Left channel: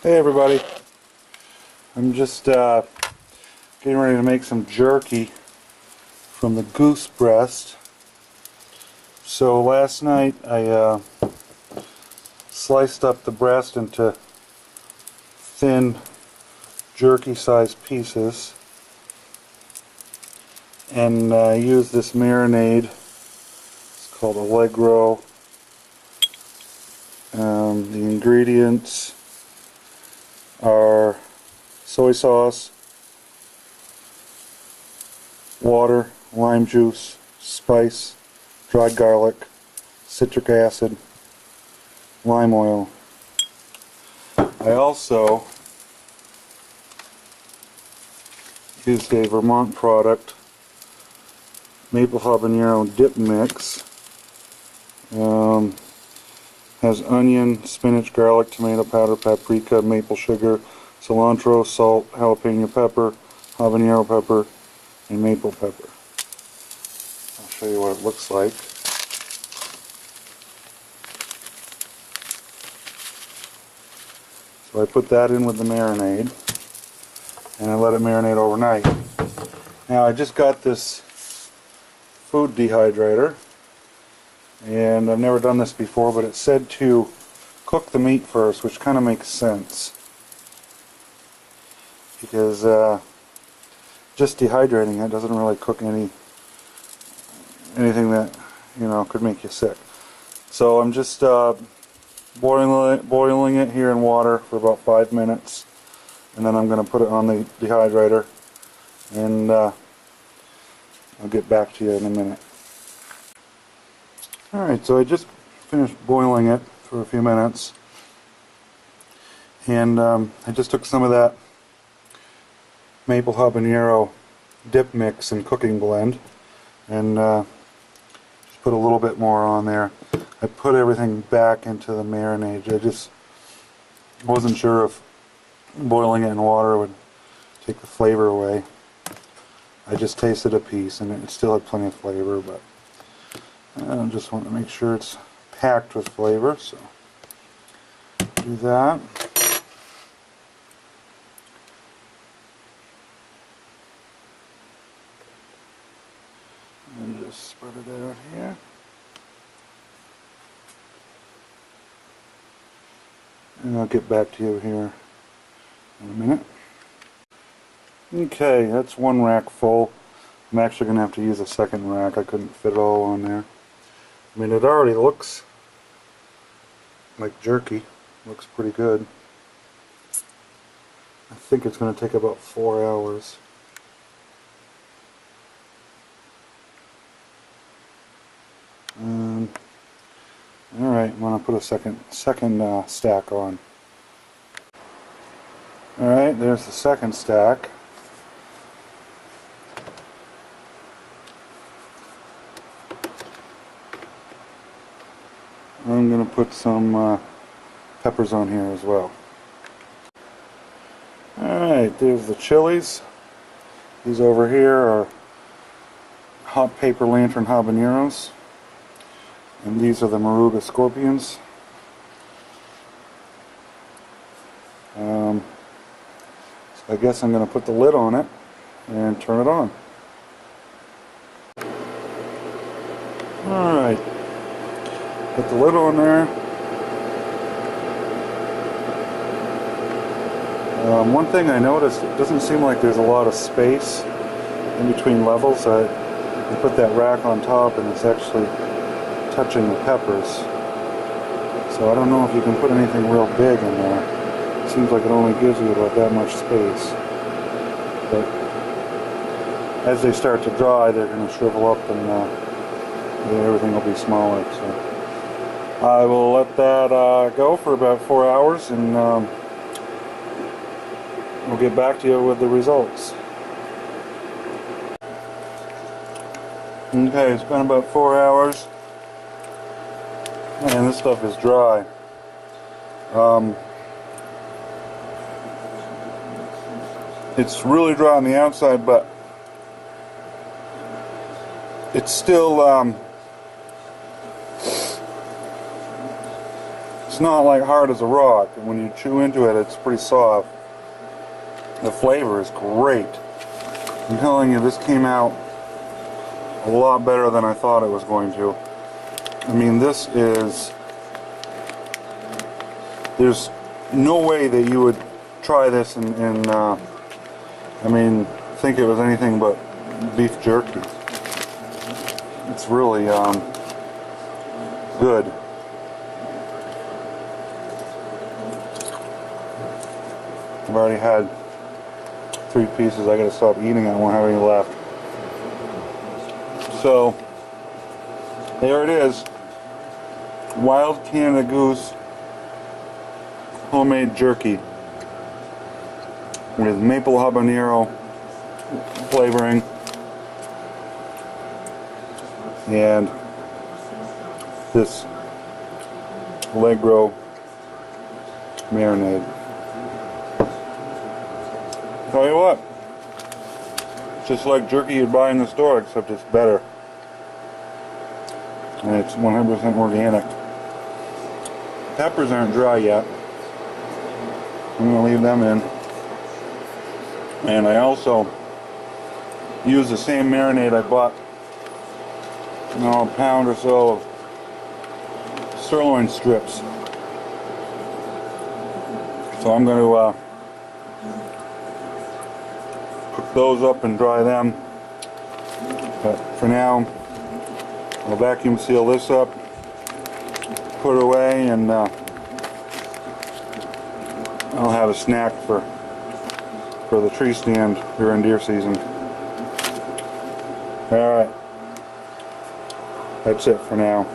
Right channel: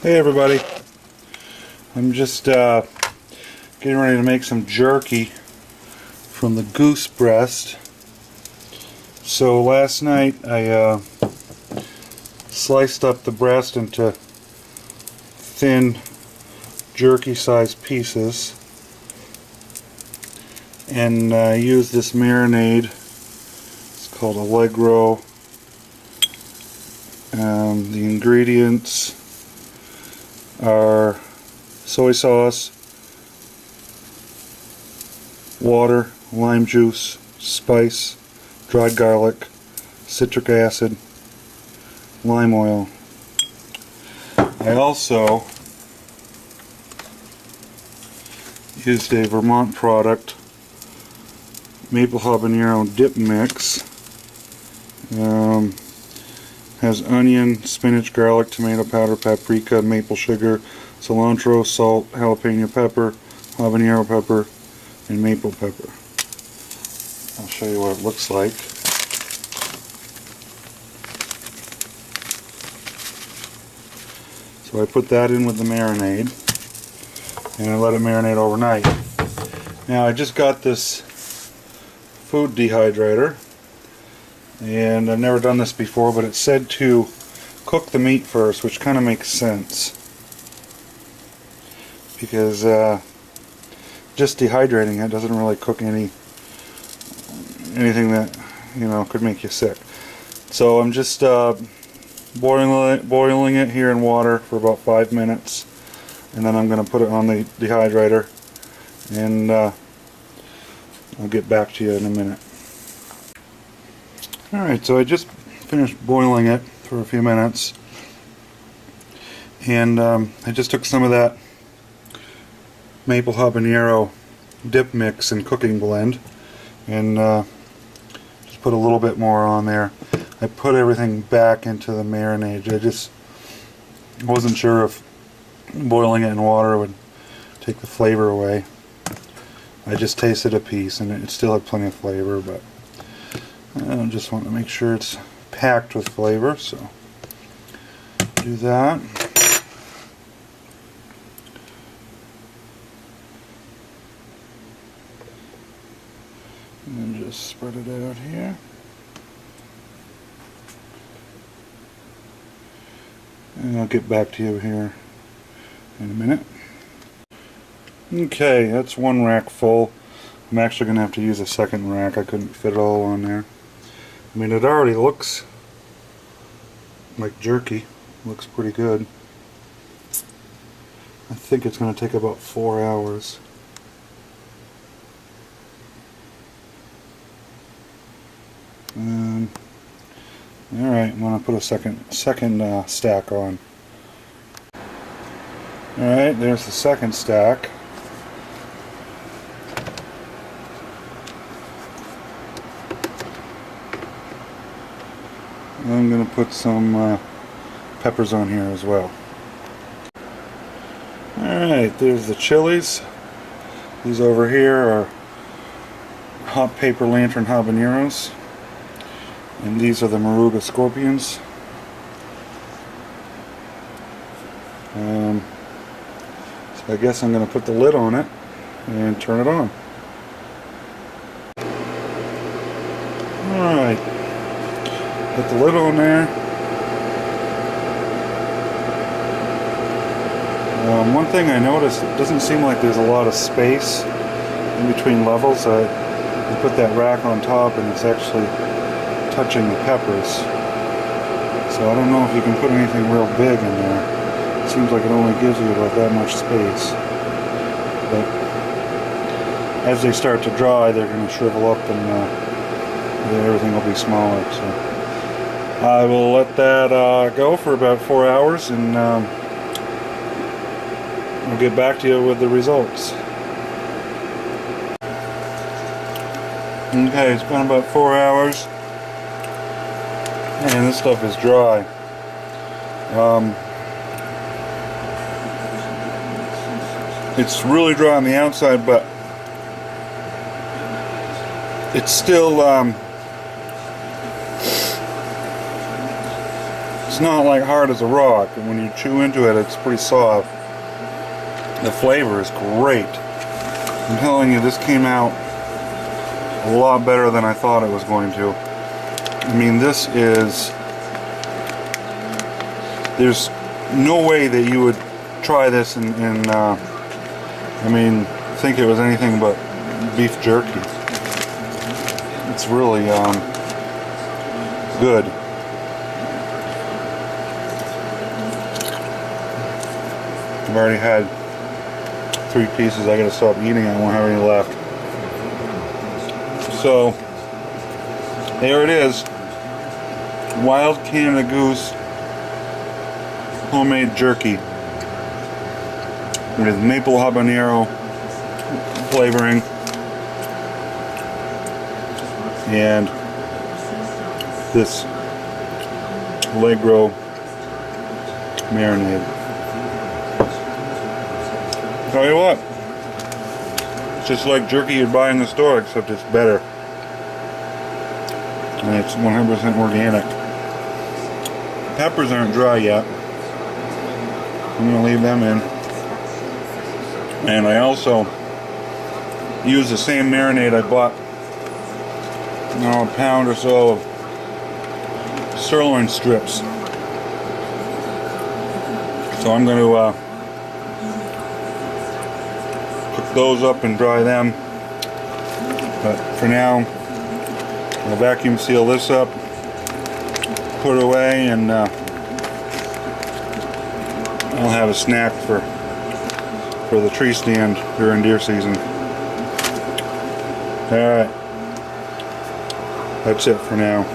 Hey everybody, I'm just getting ready to make some jerky from the goose breast. So last night I sliced up the breast into thin jerky sized pieces and used this marinade. It's called Allegro. The ingredients are soy sauce, water, lime juice, spice, dried garlic, citric acid, lime oil. I also used a Vermont product, maple habanero dip mix. Has onion, spinach, garlic, tomato powder, paprika, maple sugar, cilantro, salt, jalapeno pepper, habanero pepper, and maple pepper. I'll show you what it looks like. So I put that in with the marinade and I let it marinate overnight. Now I just got this food dehydrator, and I've never done this before, but it said to cook the meat first, which kind of makes sense because just dehydrating it doesn't really cook anything that could make you sick. So I'm just boiling it here in water for about 5 minutes, and then I'm going to put it on the dehydrator, and I'll get back to you in a minute. Alright, so I just finished boiling it for a few minutes, and I just took some of that maple habanero dip mix and cooking blend and just put a little bit more on there. I put everything back into the marinade. I just wasn't sure if boiling it in water would take the flavor away. I just tasted a piece and it still had plenty of flavor, but I just want to make sure it's packed with flavor, so do that. And then just spread it out here. And I'll get back to you here in a minute. Okay, that's one rack full. I'm actually going to have to use a second rack. I couldn't fit it all on there. I mean, it already looks like jerky. Looks pretty good. I think it's going to take about 4 hours. Alright, I'm going to put a second stack on. Alright, there's the second stack. I'm going to put some peppers on here as well. Alright, there's the chilies. These over here are hot paper lantern habaneros. And these are the Moruga scorpions. So I guess I'm going to put the lid on it and turn it on. Alright. Put the lid on there. One thing I noticed, it doesn't seem like there's a lot of space in between levels. I put that rack on top and it's actually touching the peppers. So I don't know if you can put anything real big in there. It seems like it only gives you about that much space. But as they start to dry, they're going to shrivel up and everything will be smaller. So I will let that go for about 4 hours, and we'll get back to you with the results. Okay, it's been about 4 hours, and this stuff is dry. It's really dry on the outside, but it's still it's not like hard as a rock, and when you chew into it, it's pretty soft. The flavor is great. I'm telling you, this came out a lot better than I thought it was going to. I mean, this is... There's no way that you would try this and I mean, think it was anything but beef jerky. It's really good. I've already had 3 pieces. I gotta stop eating it. I won't have any left. So there it is. Wild Canada Goose homemade jerky with maple habanero flavoring and this Allegro marinade. Tell you what, it's just like jerky you'd buy in the store, except it's better. And it's 100% organic. Peppers aren't dry yet. I'm going to leave them in. And I also use the same marinade I bought, a pound or so of sirloin strips. So I'm going to cook those up and dry them. But for now, I'll vacuum seal this up, put it away, and I'll have a snack for the tree stand during deer season. Alright, that's it for now.